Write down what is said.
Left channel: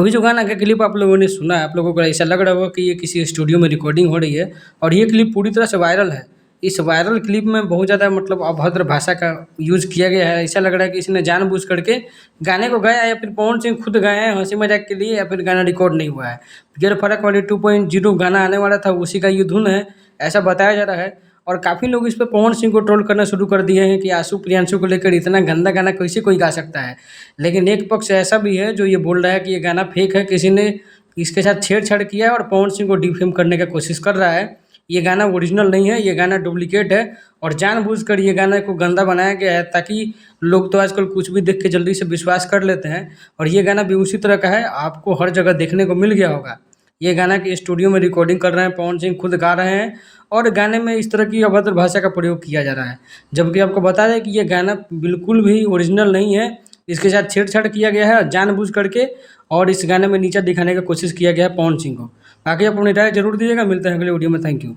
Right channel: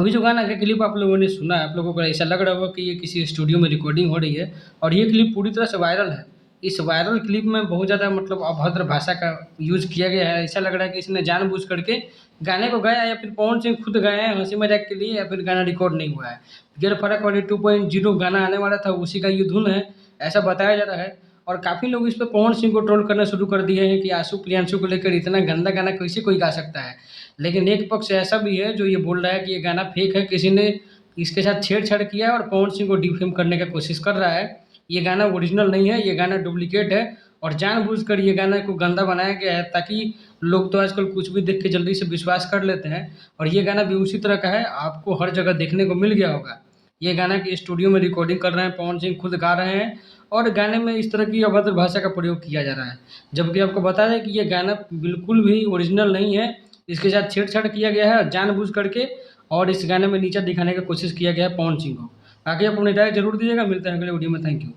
अभी जो गाना का क्लिप आप लोगों ने सुना है, आप लोगों को ऐसा लग रहा होगा कि ये किसी स्टूडियो में रिकॉर्डिंग हो रही है और ये क्लिप पूरी तरह से वायरल है। इस वायरल क्लिप में बहुत ज़्यादा मतलब अभद्र भाषा का यूज़ किया गया है। ऐसा लग रहा है कि इसने जानबूझ करके गाने को गाया या फिर पवन सिंह खुद गाए हैं हँसी-मज़ाक के लिए या फिर गाना रिकॉर्ड नहीं हुआ है। गियर फर्क वाली 2.0 गाना आने वाला था, उसी का ये धुन है, ऐसा बताया जा रहा है। और काफ़ी लोग इस पे पवन सिंह को ट्रोल करना शुरू कर दिए हैं कि आशु प्रियांशु को लेकर इतना गंदा गाना कैसे कोई गा सकता है। लेकिन एक पक्ष ऐसा भी है जो ये बोल रहा है कि ये गाना फेक है, किसी ने इसके साथ छेड़छाड़ किया है और पवन सिंह को डिफेम करने का कोशिश कर रहा है। ये गाना ओरिजिनल नहीं है, ये गाना डुप्लीकेट है और जानबूझकर ये गाना को गंदा बनाया गया है ताकि लोग तो आजकल कुछ भी देख के जल्दी से विश्वास कर लेते हैं। और ये गाना भी उसी तरह का है, आपको हर जगह देखने को मिल गया होगा। ये गाना के स्टूडियो में रिकॉर्डिंग कर रहे हैं, पवन सिंह खुद गा रहे हैं और गाने में इस तरह की अभद्र भाषा का प्रयोग किया जा रहा है। जबकि आपको बता दें कि ये गाना बिल्कुल भी ओरिजिनल नहीं है, इसके साथ छेड़छाड़ किया गया है जानबूझ करके और इस गाने में नीचा दिखाने का कोशिश किया गया है पवन सिंह को। बाकी आप अपनी राय ज़रूर दीजिएगा, मिलते हैं अगले वीडियो में, थैंक यू।